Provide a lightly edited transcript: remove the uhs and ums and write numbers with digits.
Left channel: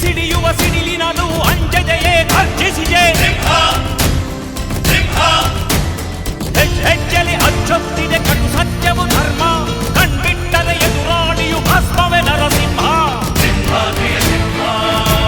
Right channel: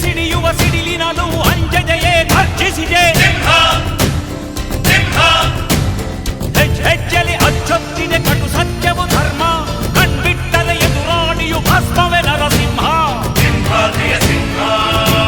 ಸಿಡಿಯುವ ಸಿಡಿಲಿನಲು ಅಂಜದೆಯೇ ಗರ್ಜಿಸಿದೆ. ಹೆಜ್ಜೆಲಿ ಅಚ್ಚೊತ್ತಿದೆ ಕಟು ಸತ್ಯವು ಧರ್ಮ, ಕಣ್ಬಿಟ್ಟರೆ ಎದುರಾಳಿಯು ಭಸ್ಮವೇ ನರಸಿಂಹ.